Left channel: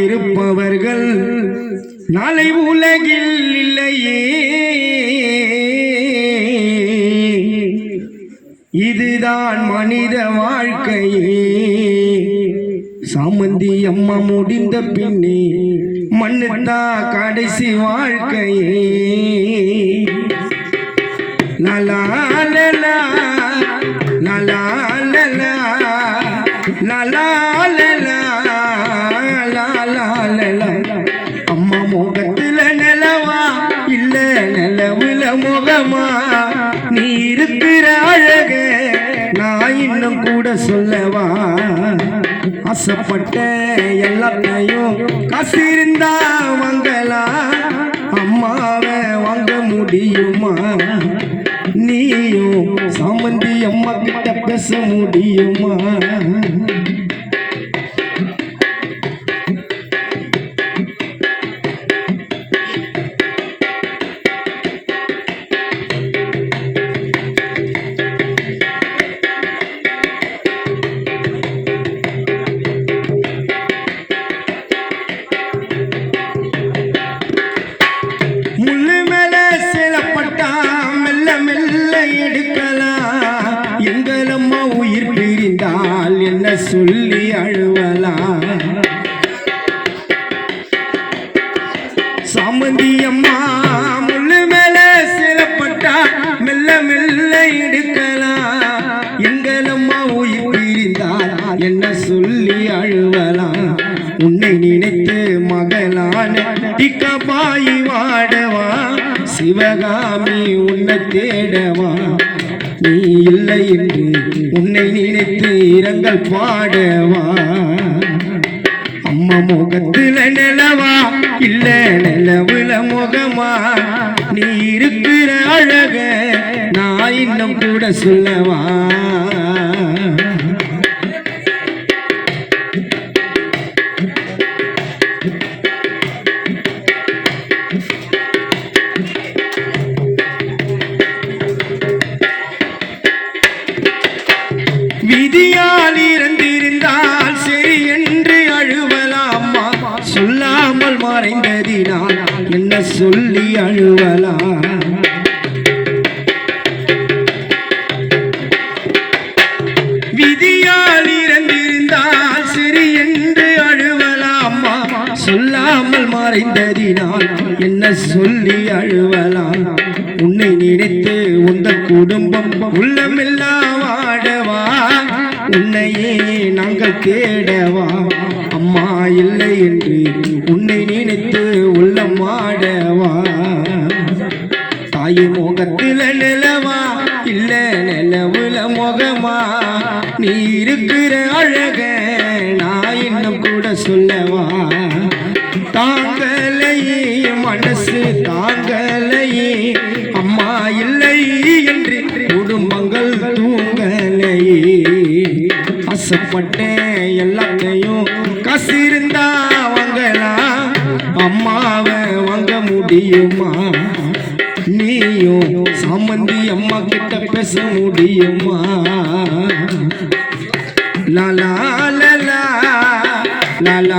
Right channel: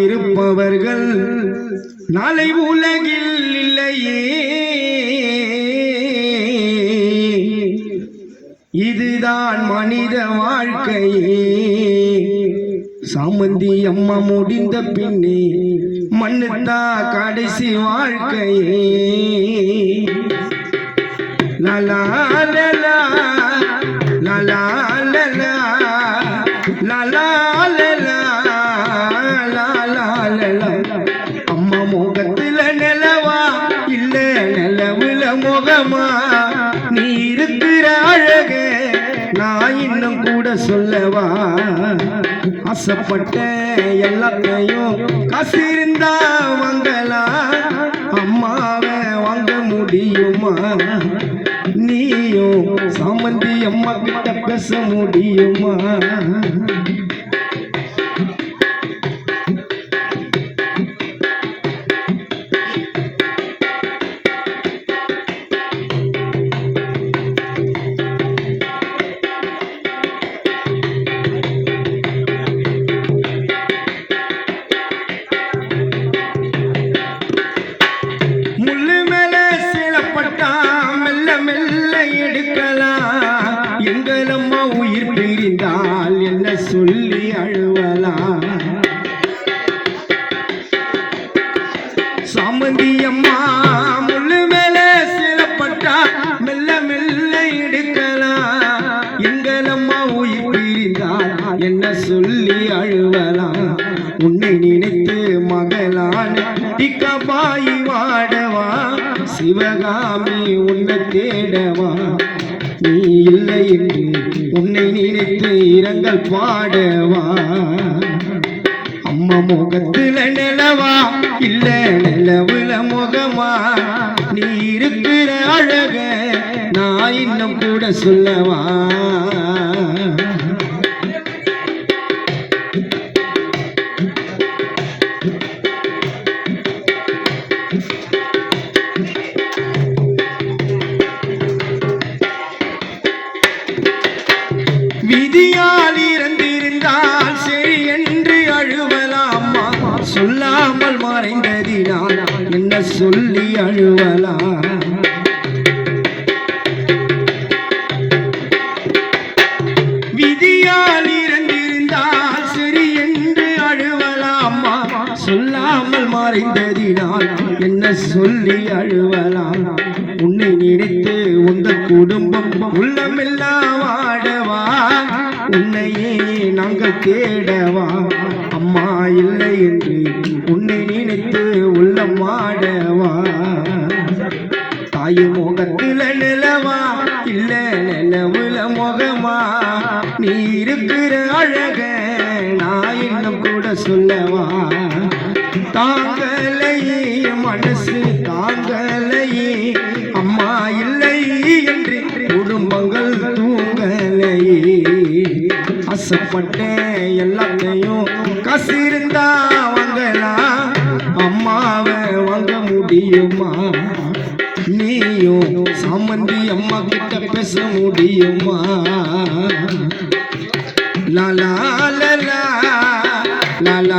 இருப்பவர்கள் நாளை உலகில் இல்லையே. இதுதான் மனித வாழ்க்கையே. சாமந்தி அம்மா முடிந்த பின்னே மண்ணுத்தா கடைசி வாழ்க்கையே. லலா லலா லலா லலா லலா லலா. அம்மா முகத்துல நிலவா இல்ல நிலவுல முகமா, நீ இருக்கிற அழக நான் இன்னும் கூட சொல்லவா. ஆசைப்பட்ட எல்லாத்தையும் காசு இருந்தா வாங்கலாம், அம்மாவை வாங்க முடியுமா? நீயும் சாமந்தி அம்மா கிட்ட பேச முடியுமா? எங்களம்மா உயிர் பிரிந்தால் என்ன சொல்லி அழுவலாம்? சாமந்தி அம்மா முள்ளு மேல சிலப்பட்டா மெல்ல மெல்ல எடுக்கலாம். எங்களம்மா உயிர் பிரிந்தால் என்ன சொல்லி அழுவலாம்? உன்னை நினைத்து மகளான திக்கபாயி வாடவா, சிவகாமி உன்னை தேடவா. நீ இல்லை என்று உன்னை நினைத்து இரங்கல் பாடவா. அம்மா முகத்துல நிலவா இல்ல நிலவுல முகமா, நீ இருக்கிற அழக நான் இன்னும் கூட சொல்லவா. விதியால் இறந்திருந்தால் சரி என்று அழுவலாமா, சொல்லாமல் மறைந்ததினால் என்ன சொல்லி அழுவலாம்? விதியால் இறந்திருந்தால் சரி என்று அழுவலாமா, சொல்லாமல் மறைந்ததினால் என்ன சொல்லி அழுவலாம்? உன்னை நினைத்து உந்த குடும்பம் உள்ளமெல்லாம் வாடவா, உன்னையே நாங்கள் தேடவா. அம்மா இல்லை என்று உன்னை நினைத்து உள்ளம் வாடவா. தாய் முகத்துல நிலவா இல்ல நிலவுல முகமா, நீ இருக்கிற அழக நான் இன்னும் கூட சொல்லவா. தாங்கலையே மனசு தாங்கலையே, அம்மா இல்லை என்று குடும்பங்கள் தூங்கலையே. ஆசைப்பட்ட எல்லாத்தையும் காசு இருந்தா வாங்கலாம், அம்மாவை வாங்க முடியுமா? நீயும் சாமந்தி அம்மா கிட்ட பேச முடியுமா? லலா லலா லலா